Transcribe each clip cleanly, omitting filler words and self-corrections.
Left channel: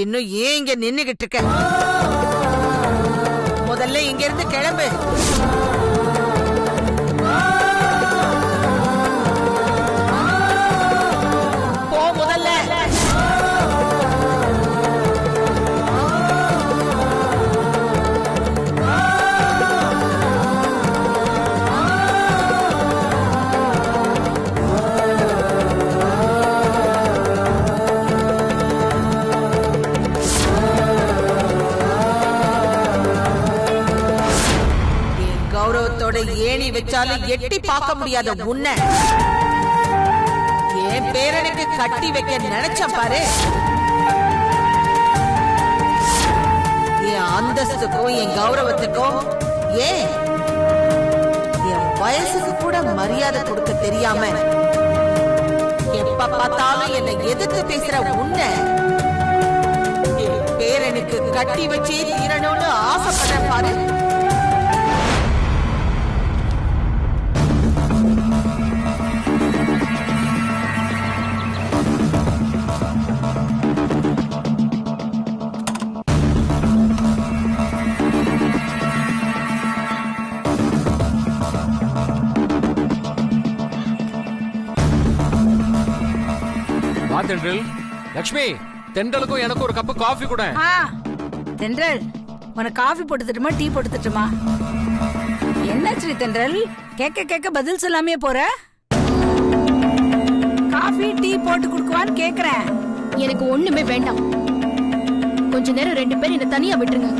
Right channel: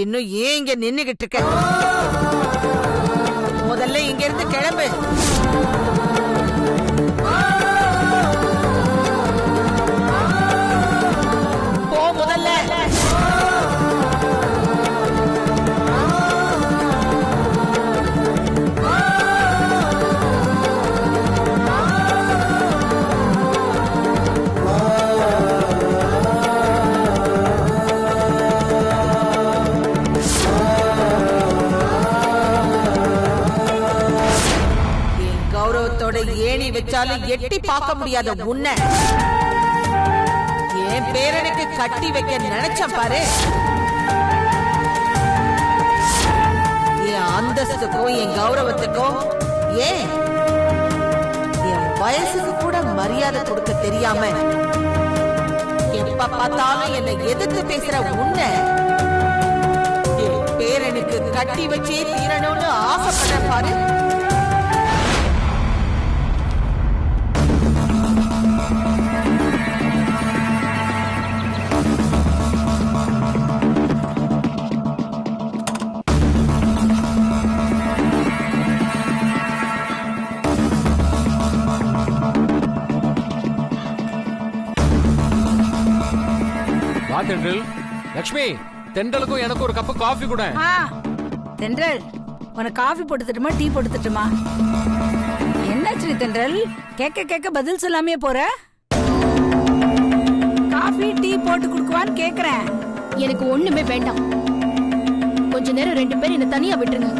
இன்னும் ஏன் இங்க நின்னுகிட்டு இருக்க? முதல்ல இங்க இருந்து கிளம்பு. போ முதல்ல. கௌரவத்தோட ஏணி வச்சாலும் எட்டி பார்க்க முடியாத உன்னை என் பேரனுக்கு கட்டி வைக்க நினைச்சேன் பாரு. என் அந்தஸ்துக்கும் என் கௌரவத்துக்கும் ஏன் என் வயசுக்கு கூட மரியாதை கொடுக்க தெரியாம எப்ப பார்த்தாலும் என்னை எதிர்த்து பேசுற உன்னை என் பேரனுக்கு கட்டி வச்சே தீரணும்னு ஆசைப்படுற பாரு. வா தென்றல். லக்ஷ்மி, தென்றலுக்கும் எனக்கு ஒரு கப் காஃபி கூட. தென்றல், உனக்கு காஃபி போட்டு தட்டுமா டீ போட்டு தட்டுமா? என்னாச்சு தென்றல், கேட்க கேட்க பதில் சொல்லாமே போற? காஃபி டீ போட்டு குடுக்குவான்னு கேக்குறேன். எனக்கு ஒண்ணுமே வேண்டாம். கொஞ்ச நேரம் 2 பேர் என்ன தனியா விட்டுருங்க.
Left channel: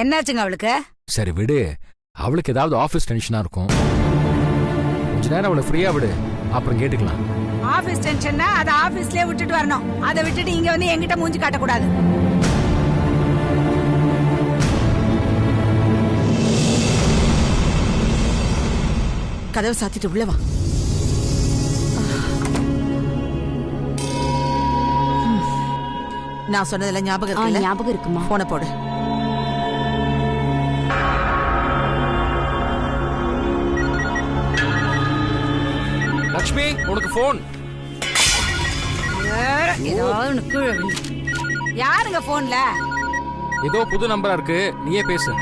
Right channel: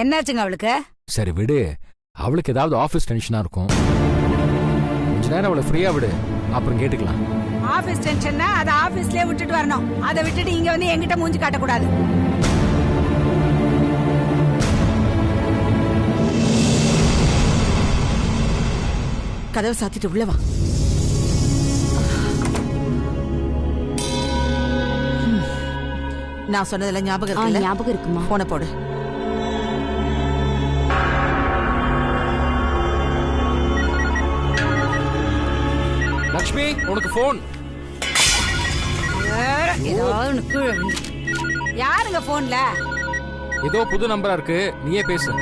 என்னாச்சுங்க அவளுக்கு? சரி விடு, அவளுக்கு ஏதாவது ஆபீஸ் டென்ஷனா இருக்கும். கொஞ்ச நேரம் அவளை ஃப்ரீயா விடு, அப்புறம் கேட்டுக்கலாம். ஆபீஸ் டென்ஷன்னா அதை ஆபீஸ்லயே விட்டுட்டு வரணும். அதை விட்டுட்டு இங்க வந்து என்கிட்ட மூஞ்சி காட்டக்கூடாது. கதவை சாத்திட்டு உள்ள வா. நான் சொன்னதெல்லாம் ஞாபகம் இருக்குல்ல? ஞாபகம் இருக்குமா? போன போடு. லக்ஷ்மி, உனக்கு போன். யாருங்க போன்ல? ஏதோ புது நம்பரா இருக்கு, நீயே பேசு.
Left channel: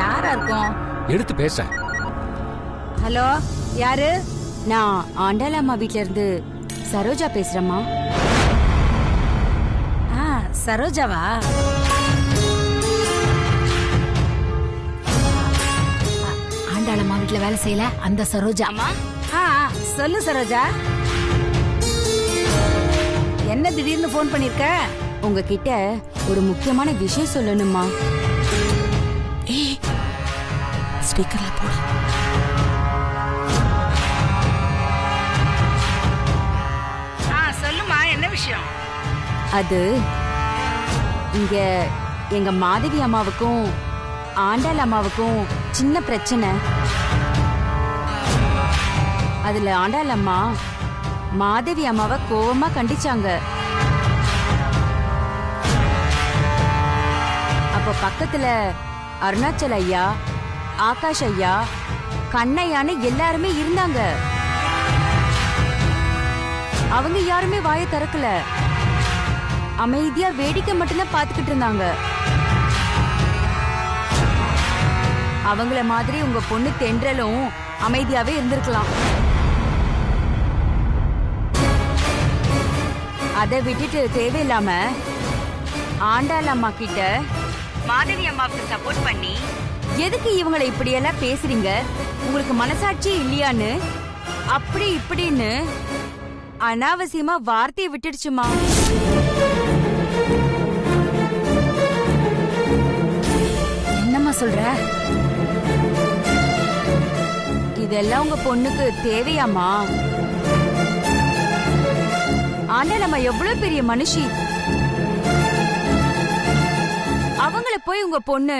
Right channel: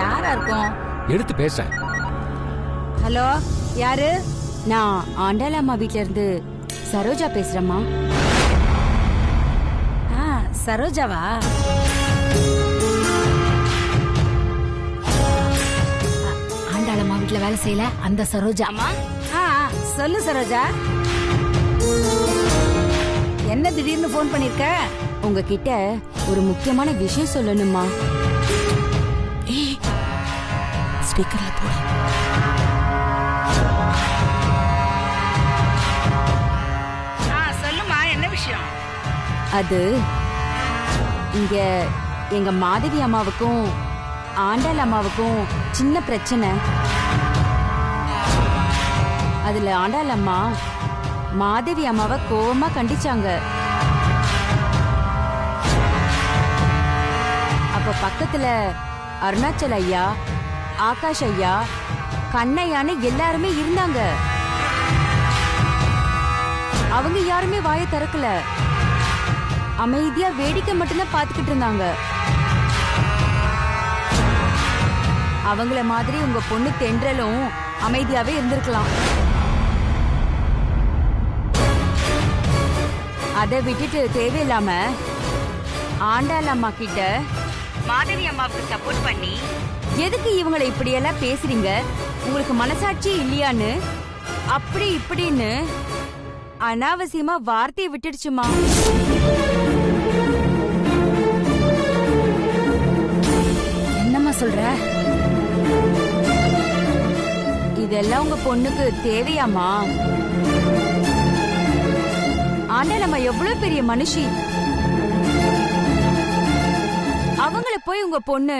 யாரா இருக்கும்? எடுத்து பேச. ஹலோ, யாரு? நான் ஆண்டாளம்மா வீட்ல இருந்து சரோஜா பேசுறேம்மா. சரோஜாவா? ஆண்டாளம்மா வீட்ல வேலை செய்யல அந்த சரோஜா. சொல்லு சரோஜா, என்ன திடீர்னு போன் பண்ணிருக்க? உங்ககிட்ட ஒரு முக்கியமான விஷயம் சொல்லணுமா? ஸ்பீக்கர்ல போடு. சொல்லுமா, என்ன விஷயம்? அது இங்க எங்க மாதவி அம்மாவுக்கும் ஆண்டாள் அம்மாவுக்கும் சின்ன பிரச்சனை. அதுல ஆண்டாள் அம்மா மாதவி அம்மாவை கோவமா கண்டிச்சாங்க. அப்ப பக்கத்துல அருணாச்சல் ஐயா, ஆகாஷ் ஐயா, கண்ணையான்னு எல்லாருமே இருந்தாங்க. அவங்க யாருமே வாயை திறக்கல, அமைதியா வேடிக்கை மட்டும்தான் பாத்துக்கிட்டு இருந்தாங்க. அவங்கள மாதிரி உங்க பொண்ணு தென்றலும் அமைதியாவே இருந்திருக்கலாம். அதை விட்டுட்டு தேவையில்லாம ஆண்டாள் அம்மா கிட்ட மாதவி அம்மாவுக்கு சப்போர்ட் பண்ணி எதுக்கு இவங்களை இப்படியெல்லாம் பேசுறீங்க, உங்களுக்கு மனசாட்சி இல்லையான்னு அப்படி இப்படின்னு அனாவசியமா வார்த்தையை விட்டுடுச்சுமா. என்னம்மா சொல்ற? இதெல்லாம் உங்க பொண்ணுக்கு தேவையாமா? ஆண்டாள் அம்மா எவ்வளவு பெரிய மனுஷி. அவங்கள போய் உங்க பொண்ணு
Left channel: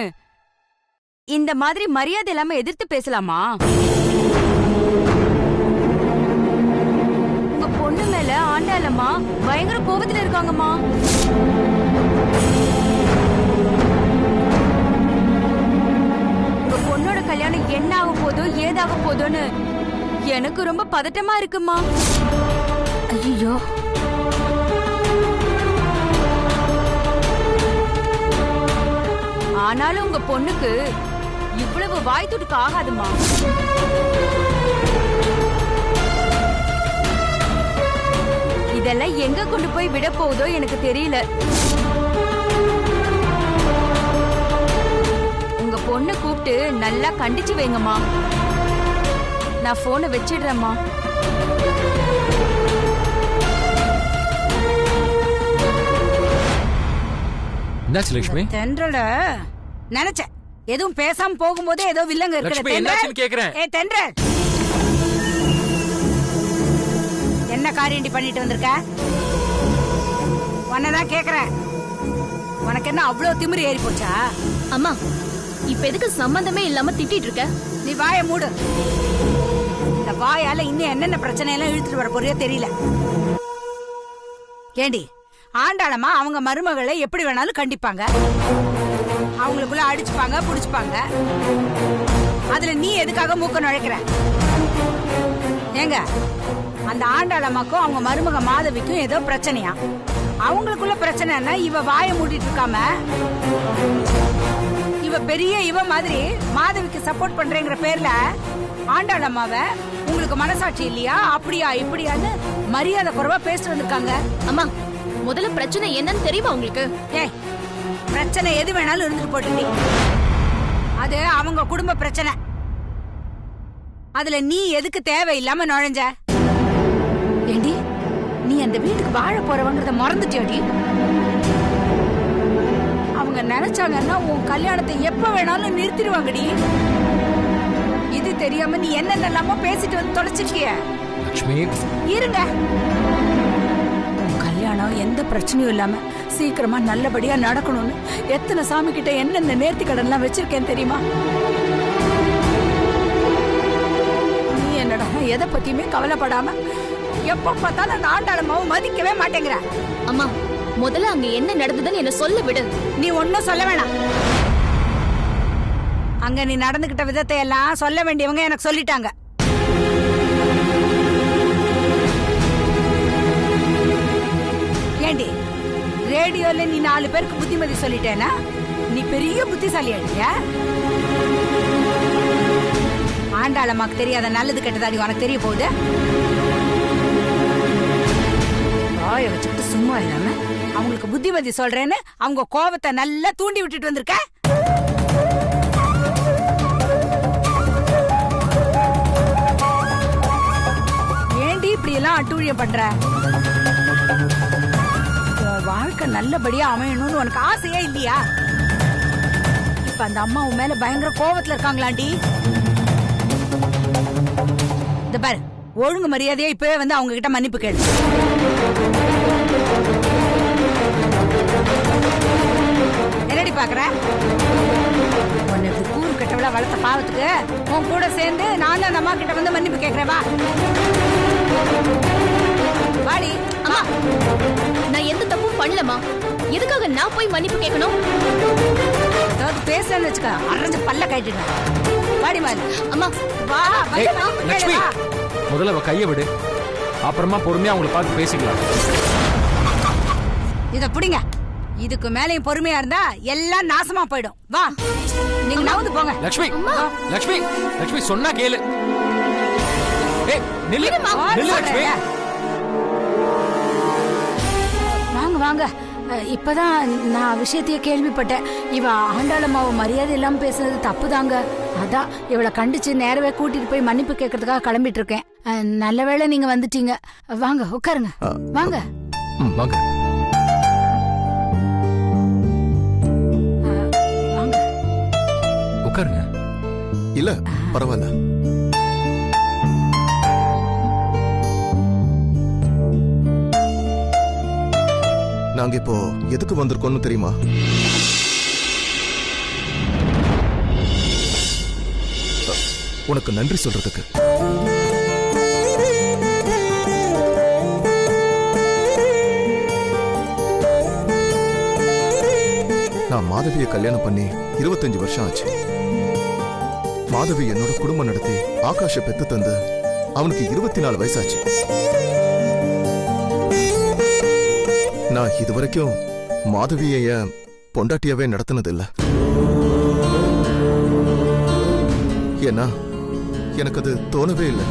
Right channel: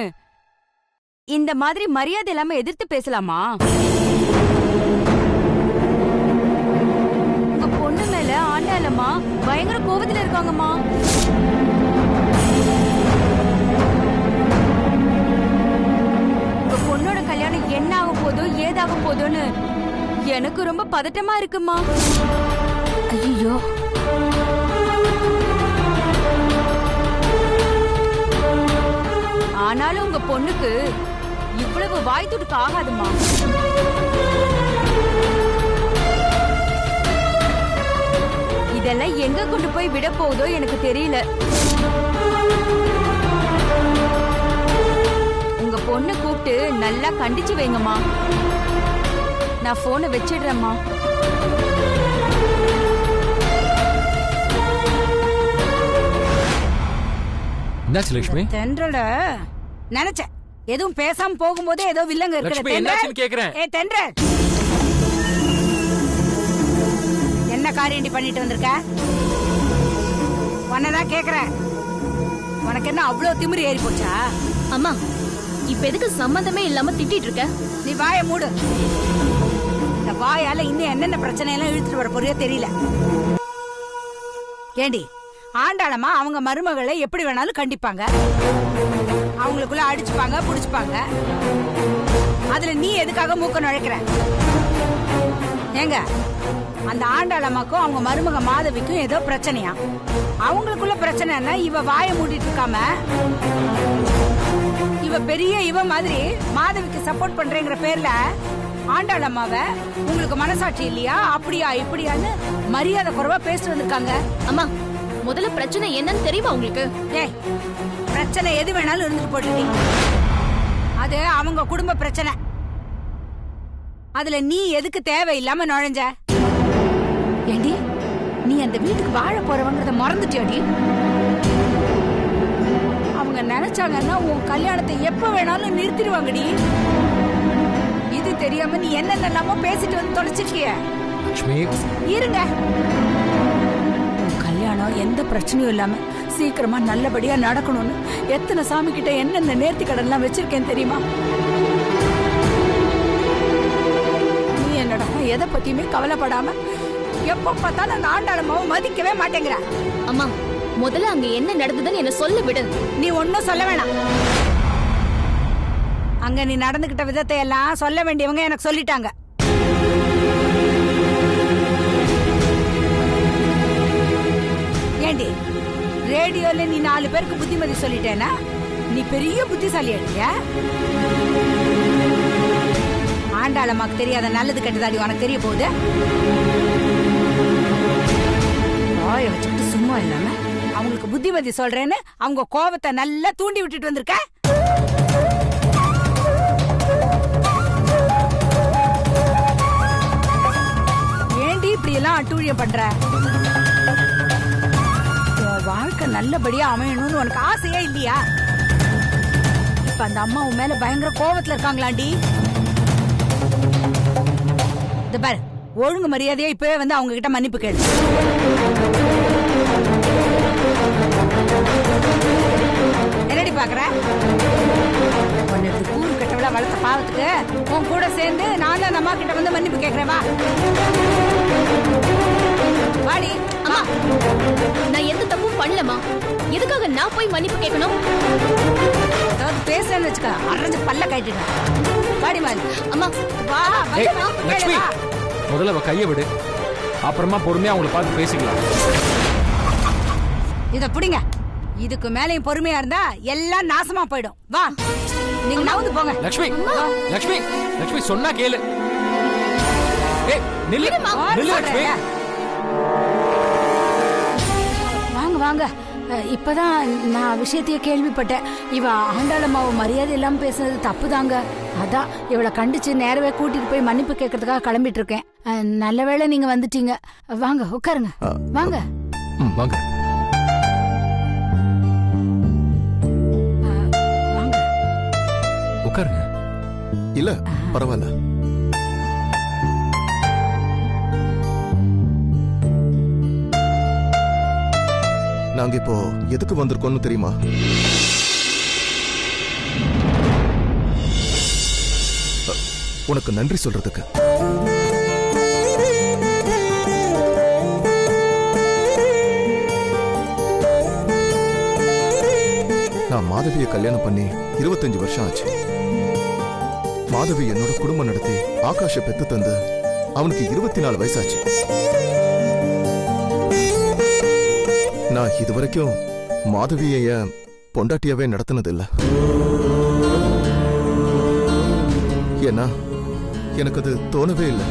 இந்த மாதிரி மரியாதை இல்லாம எதிர்த்து பேசலாமா? உங்க பொண்ணு மேல ஆண்டாளம்மா பயங்கர கோபத்துல இருக்காங்கம்மா. உங்க பொண்ணோட கல்யாணம் என்ன ஆக போதோ ஏதாக போதோன்னு எனக்கு ரொம்ப பதட்டமா இருக்குமா. ஐயோ, ஆனாலும் உங்க பொண்ணுக்கு இவ்வளவு வாய் துடுக்க ஆகாதுமா. இதெல்லாம் எங்க கொண்டு போய் விட போகுதோ எனக்கு தெரியல. உங்க பொண்ணை கூப்பிட்டு நல்லா கண்டிச்சு வைங்கம்மா. நான் போனை வச்சிடுறேம்மா. என்னாச்சு லட்சுமி? தென்றல நினைச்சேன் எதுவும் பேசாம போகும்போதே ஏதோ வில்லங்க லட்சுமி, என்னாச்சுன்னு கேக்குறேன். ஏ தென்றல், என்ன காரியண்டி பண்ணிட்டு வந்திருக்க? உன்னதான் கேக்குறேன். உனக்கு என்ன அவ்வளவு திமிரு ஏறி போச்சா? அம்மா, இப்ப எதுக்கு சம்பந்தமே இல்லாம திட்டிட்டு இருக்க? நீ வாயை மூடு. இந்த வாயால இன்னும் என்னென்ன பிரச்சனை எல்லாம் இழுத்துட்டு வர போறியோ தெரியல. ஏண்டி, ஆண்டாளமா அவங்க மருமகளை எப்படி வேணாலும் கண்டிப்பாங்க, அவங்களுக்குள்ள அடிச்சுப்பாங்க புடிச்சுப்பாங்க. அதுல நீ எதுக்காக மூக்க நுழைக்கிற? ஏங்க, அந்த ஆண்டாளம்மாக்கும் அவங்க மருமக மாதவிக்கும் ஏதோ பிரச்சனையா? அவங்களுக்குள்ள பிரச்சனைன்னா இவ வாயை மூடிட்டு இருக்காம இவ பெரிய இவ மாதிரி மாதவிக்கு சப்போர்ட் பண்றேங்கிற பேர்ல ஆண்டாளம்மாவை உங்களுக்கு மனசாட்சி இல்லையா அப்படியா இப்படியான்னு மரியாதை குறைவா பேசிட்டு வந்திருக்காங்க. அம்மா, முதல்ல பிரச்சனை என்னன்னு தெரியுமா உங்களுக்கு? ஏய், பிரச்சனை எது வேணாலும் இருந்துட்டு போட்டுடி. அது அவங்க குடும்ப பிரச்சனை. அதுல நீ எதுக்கு தேவையில்லாம நுழைஞ்ச? ஏண்டி, நீ அந்த வீட்டுக்கு வாழ போறவங்கிறத மறந்துட்டியாடி? அவங்க நினைச்சாங்கன்னா உன் கல்யாணத்தை எப்ப வேணாலும் நிறுத்திடுவாங்கடி. இது தெரியாம நீ என்னென்னலாமோ பேசிட்டு வந்து தொலைச்சிருக்கிய. லட்சுமி, இருங்க, உன் கல்யாணம் எந்த பிரச்சனையும் இல்லாம சீக்கிரமா நல்லபடியா நடக்கணும்னு எத்தனை சாமி கிட்ட என்னென்ன நேர்த்தி கடன்லாம் வச்சிருக்கேன் தெரியுமா? நீ என்னடா எதை பத்தியுமே கவலைப்படாம எப்ப பார்த்தாலும் அந்த ஆண்டாளம்மாவை மதிக்கவே மாட்டேங்கிற. அம்மா, முதல்ல அங்க என்ன நடந்ததுன்னு என்ன சொல்ல விடு. நீ ஒன்னும் சொல்ல வேணாம். அங்க நீ நடந்துகிட்ட விதத்தை எல்லாம் சொல்ல வேண்டியவங்க எனக்கு சொல்லிட்டாங்க. ஏண்டி, ரேடியோல நீ 4 பேருக்கு புத்திமதி சொல்லிட்டேனா நீ பெரிய புத்திசாலி அடிய? ஆண்டாளம்மாக்கு தெரியாத நல்லது கெட்டதாடி உனக்கு தெரிய போகுது? வாய வச்சுக்கிட்டு சும்மா இல்லாம அவங்களுக்கு புத்திமதி சொல்றேன்னு அவங்க கோபத்தை நல்லா தூண்டி விட்டுட்டு வந்திருக்க. ஏண்டி இப்படி எல்லாம் அட்டூழியம் பண்ற? உன் வாழ்க்கை நல்லபடியா அமையணும்னு உனக்கு ஆசையா இல்லையா? இப்ப அந்த அம்மா உன் மேல பயங்கர கோபத்துல இருக்காங்களாண்டி. இந்த பாரு, ஒழுங்கு மரியாதையா இப்பவே வந்து அவங்க கிட்ட மன்னிப்பு கேளு. என்னடி பாக்குற? உன்னை இப்படி கூறு கட்டவளா வளர்த்த பாவத்துக்கு உன் கூட சேர்ந்து நான் அந்த அம்மா கிட்ட வந்து மன்னிப்பு கேக்குறேன். வா வாடி. அம்மா, நான் எந்த தப்பும் பண்ணலமா. எதுக்காக நான் போய் மன்னிப்பு கேட்கணும்? அதாவது பேசுறேன்னு வச்சுக்க, அரைஞ்சு பல்ல கட்டிடுவேன். வாடி மாதிரி. அம்மா, வா. ஏய், லட்சுமி, முதல்ல அவ கைய விடு, அப்புறமா பொறுமையா அவங்கள பார்த்து பேசிக்கலாம். இத புடிங்க. இதுக்கு மேலையும் பொறுமையா இருந்தா எல்லாம் நாசமா போயிடும். வா, நீங்க நவுந்து போங்க. லட்சுமி, லட்சுமி, லட்சுமி சொன்னா கேளு. ஏய், நில்லு, நில்லு லட்சுமி. வாங்க வாங்க. இப்பதான் நான் விஷயத்தையே கேள்விப்பட்டேன். இவ ஆண்டாளம்மாவை மரியாதை இல்லாம பேசுனது தப்புதாங்க. அதான் இவளை கண்டிச்சு நேரவே கூட்டிட்டு போய் மன்னிப்பு கேட்கறதுக்காக கிளம்பிட்டு இருக்கேன். நல்ல வேளை நீங்க வந்துட்டீங்க. வாங்க உட்காருங்க. வாங்க வாங்க. வாங்க உட்காருங்க. இல்ல பரவாயில்ல. நாங்க இப்போ எதுக்கு வந்திருக்கோம்னு தெரியுமா? உனக்கு நன்றி சொல்றதுக்கு. மாதவியை கல்யாணம் பண்ணி 25 வருஷம் ஆச்சு. மாதவி என்னோட குடும்பம் நடத்தி ஆகாஷ பெத்து தந்து அவனுக்கு 24 வயசாச்சு. நான் இதுவரைக்கும் மாதவிய பொண்டாட்டியாவே நடத்தினதில்லை. ஏன்னா எனக்கு அது தோணவே இல்லை.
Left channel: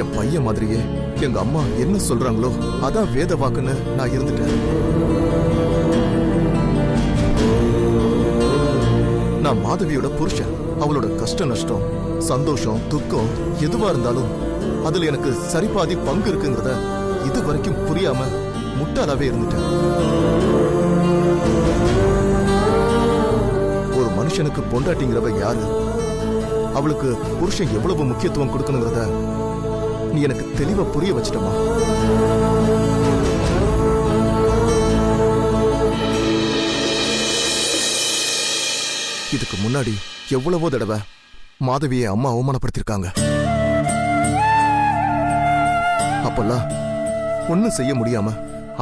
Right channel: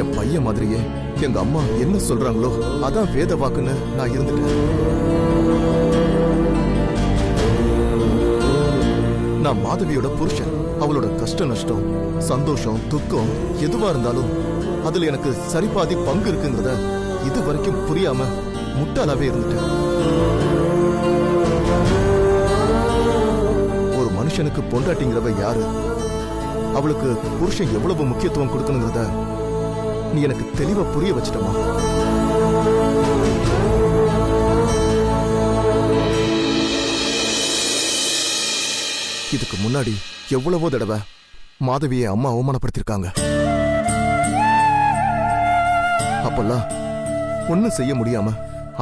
என் பையன் மாதிரியே எங்க அம்மா என்ன சொல்றாங்களோ அதான் வேத வாக்குன்னு நான் இருந்துட்டேன். நான் மாதவியோட புருஷன். அவளோட கஷ்ட நஷ்டம், சந்தோஷம், துக்கம் எதுவா இருந்தாலும் அதுல எனக்கு சரிபாதி பங்கு இருக்குங்கிறத இது வரைக்கும் புரியாம முட்டாளாவே இருந்துட்டேன். ஒரு மனுஷனுக்கு பொண்டாட்டிங்கிறவ யாரு, அவளுக்கு புருஷன் எவ்வளவு முக்கியத்துவம் கொடுக்கணுங்கிறத நீ எனக்கு தெளிவா புரிய வச்சிட்டமா. இதுக்கு முன்னாடி எவ்வளவோ தடவை மாதவியை அம்மா அவமானப்படுத்திருக்காங்க. அப்பெல்லாம் ஒன்னும் செய்ய முடியாம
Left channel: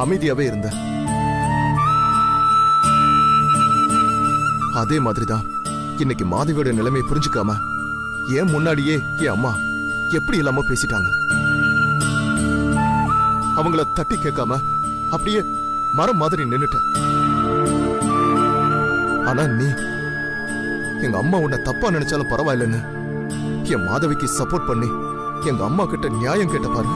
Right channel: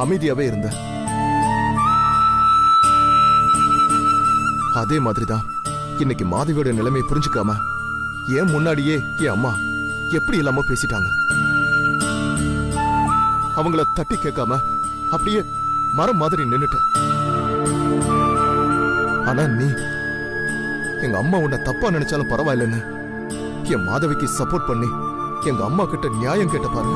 அமைதியாவே இருந்த. அதே மாதிரிதான் இன்னைக்கு மாதவியோட நிலைமையை புரிஞ்சுக்காம ஏன் முன்னாடியே என் அம்மா எப்படி இல்லாம பேசிட்டாங்க. அவங்கள தட்டி கேட்காம அப்படியே மரம் மாதிரி நின்னுட்ட. ஆனா நீ எங்க அம்மா உன்னை தப்பா நினைச்சாலும் பரவாயில்லன்னு என் மாதவிக்கு சப்போர்ட் பண்ணி எங்க அம்மா கிட்ட நியாயம் கேட்ட பாரு.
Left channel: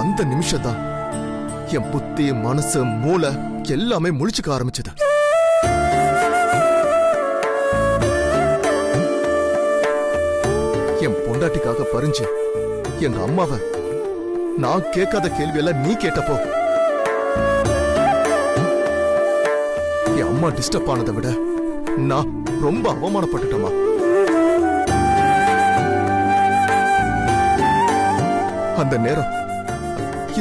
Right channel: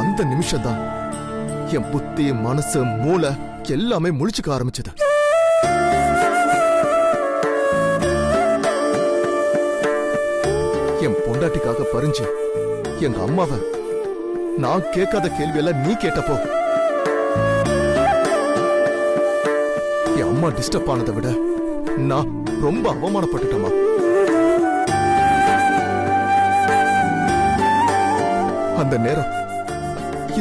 அந்த நிமிஷம்தான் என் புத்தி, மனசு, மூளை எல்லாமே முழிச்சுக்க ஆரம்பிச்சது. என் பொண்டாட்டிக்காக பறிஞ்சு எங்க அம்மாவை நான் கேட்காத கேள்வியெல்லாம் நீ கேட்டப்போ என் அம்மா டிஸ்டர்ப் ஆனதை விட நான் ரொம்ப அவமானப்பட்டுட்டேமா. அந்த நேரம்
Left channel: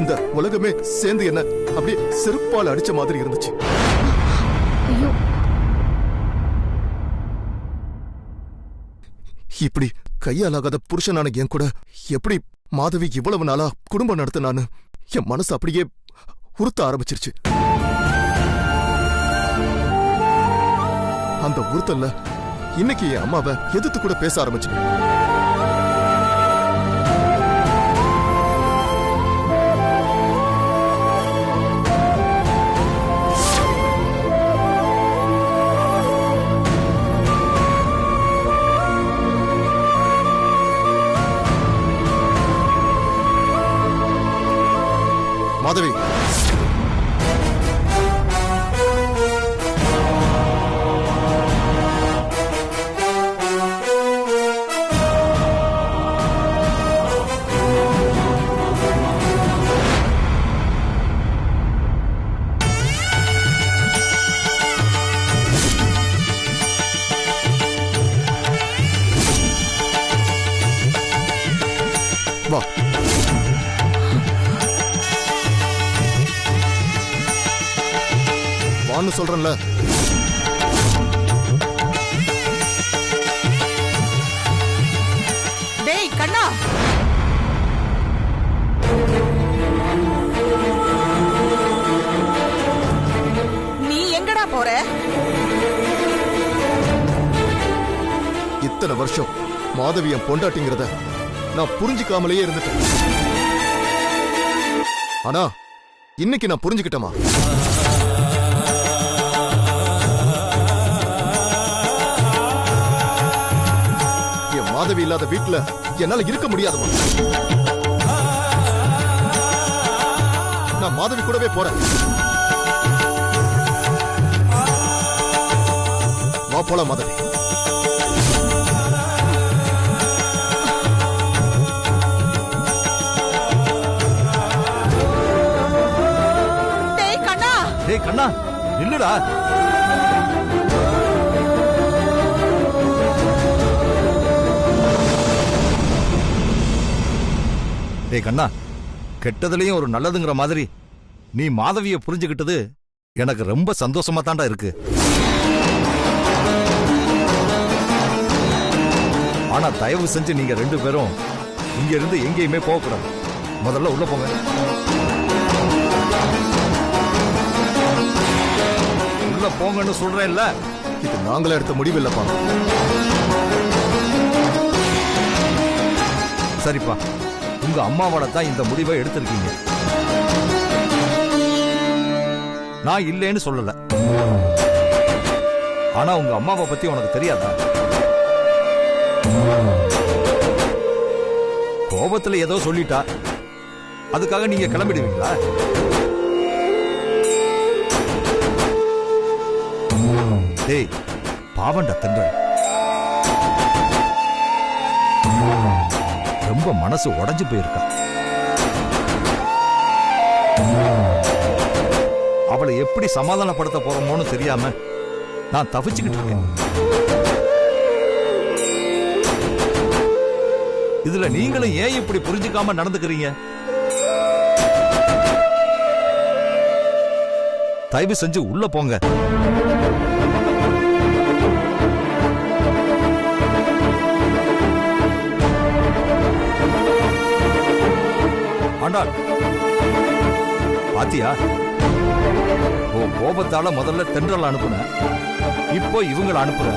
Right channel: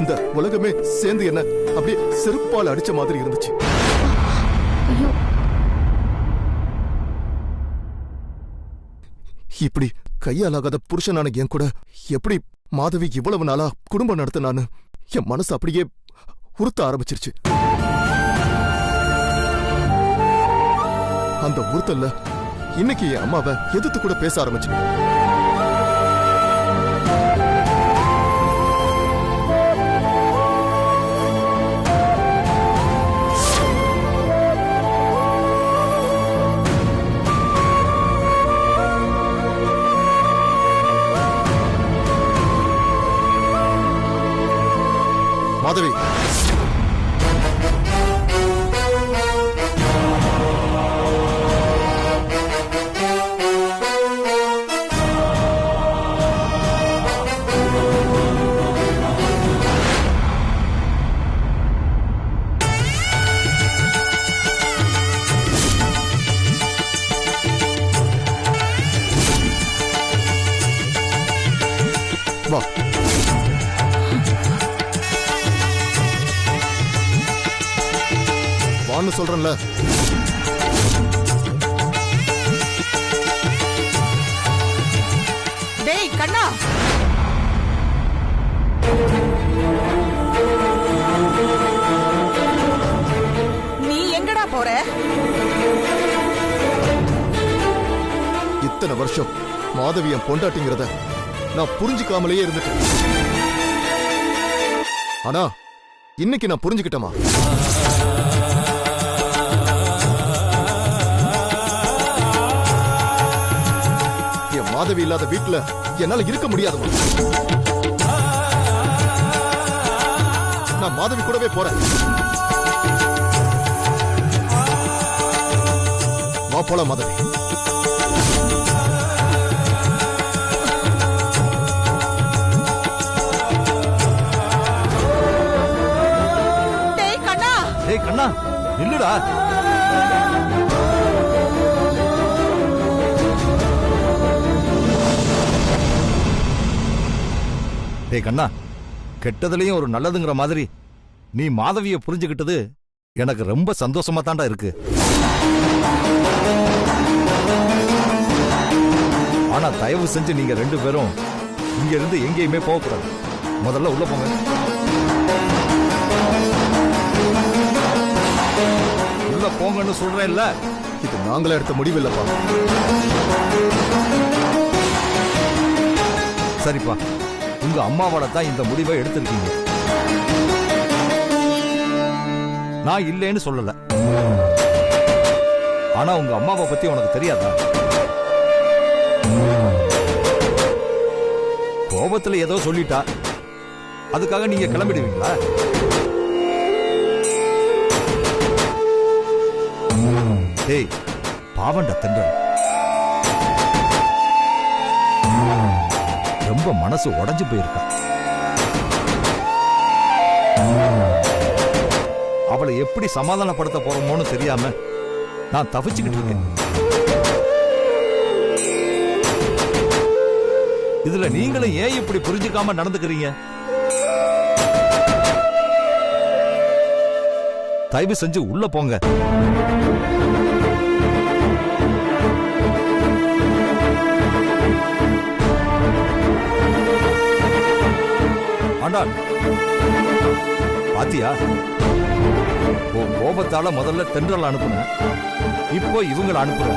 இந்த உலகமே சேர்ந்து என்ன அப்படியே செருப்பால் அடிச்ச மாதிரி இருந்துச்சு. ஐயோ, இப்படி கையாலாகாத புருஷனான என் கூட எப்படி மாதவி இவ்வளவு நாளா குடும்பம் நடத்தினான்னு என் மனசு அப்படியே உறுத்த ஆரம்பிச்சிருச்சு. அந்த உறுத்தல்ல இன்னைக்கு என் அம்மாவை எதிர்த்து கூட பேச ஆரம்பிச்சிட்டேன். மாதவி, வா. வான்னு சொல்றேன்ல. டேய் கண்ணா, நீ எங்கடா போற? இத்தனை வருஷம் மாதவி என் பொண்டாட்டிங்கிறத நான் புரிஞ்சுக்காமலேயே இருந்துட்டேன். ஆனா இன்னைக்கு நான் புரிஞ்சுக்கிட்டேமா. என் மாதவி இல்லாத வீட்டுல என்னால இருக்க முடியாதுமா. நான் மாதவி கூடவே போறேன். வா போலாம் மாதவி. டேய் கண்ணா, நில்லுடா. டேய் கண்ணா, கெட்டதுலயும் ஒரு நல்லதுங்கிற மாதிரி நீ மாதவிய புரிஞ்சுக்கிட்டது எனக்கு ரொம்ப சந்தோஷமா தாண்டா இருக்கு. ஆனா தயவு செஞ்சு நீங்க 2 பேரும் இங்க இருந்து எங்கேயுமே போக கூடாது. முதல்ல உள்ள போங்க. உள்ள போங்கன்னு சொல்றேன்ல. இது நாங்களே எடுத்த முடிவு இல்லப்பா. சரிப்பா, உங்க அம்மாவோட தான் இந்த முடிவை எடுத்திருக்கீங்க. நான் இல்லைன்னு சொல்லல. ஆனா உங்க அம்மாவை பத்தி உனக்கு தெரியாதா? கோபத்துல ஏதோ சொல்லிட்டா, அதுக்காக நீங்க கிளம்பிடுவீங்களா? டேய், பாவண்டா தென்றல். ரொம்ப மனசு உடைஞ்சு போயிருக்கா. அவளை எப்படி சமாதானப்படுத்த போறோமோன்னு தெரியாம நான் தவிச்சுக்கிட்டு இருக்கேன். இதுல நீங்களும் ஏன் இப்படி புரிஞ்சுக்காம நடந்துக்கிறீங்க? தயவு செஞ்சு உள்ள போங்க. ஆண்டாள், பாத்தியா, உன் கோபத்தால முதல்ல தென்றல் அனுப்புன, இப்போ இவங்களை அனுப்புற.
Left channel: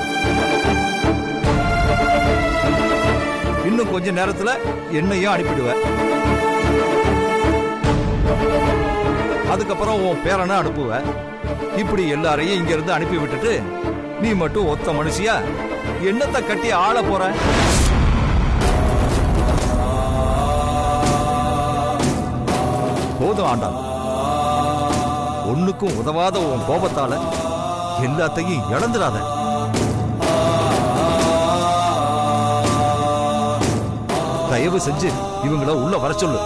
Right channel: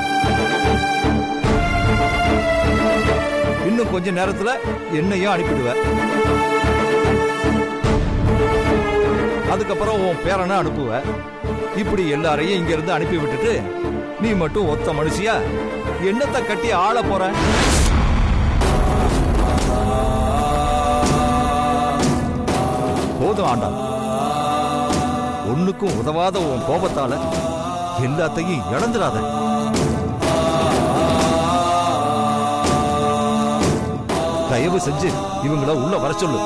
இன்னும் கொஞ்ச நேரத்துல என்னையும் அனுப்பிடுவ. அதுக்கப்புறம் உன் பேரனை அனுப்புவ. இப்படி எல்லாரையும் இங்க இருந்து அனுப்பி விட்டுட்டு நீ மட்டும் ஒத்த மனுஷியா என்னத்தை கட்டி ஆள போற? போதும் ஆண்டாள், ஒண்ணுக்கும் உதவாத உன் கோபத்தால எல்லாத்தையும் இழந்துடாத. தயவு செஞ்சு இவங்கள உள்ள வர சொல்லு.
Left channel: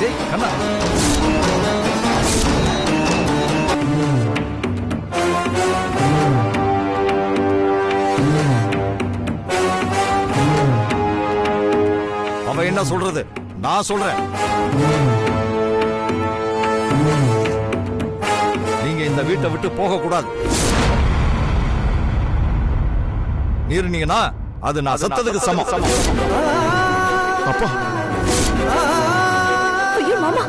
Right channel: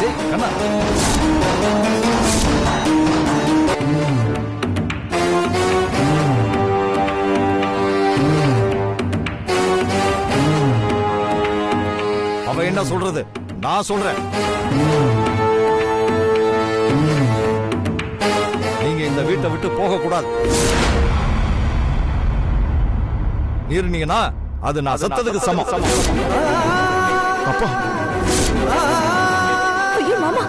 டேய் கண்ணா, அவ என்ன சொல்றது? நான் சொல்றேன். நீங்க இந்த வீட்டை விட்டு போக கூடாது. மீறினீங்கன்னா அது நான் செத்ததுக்கு சமம். அப்பா, ஐயோ மாமா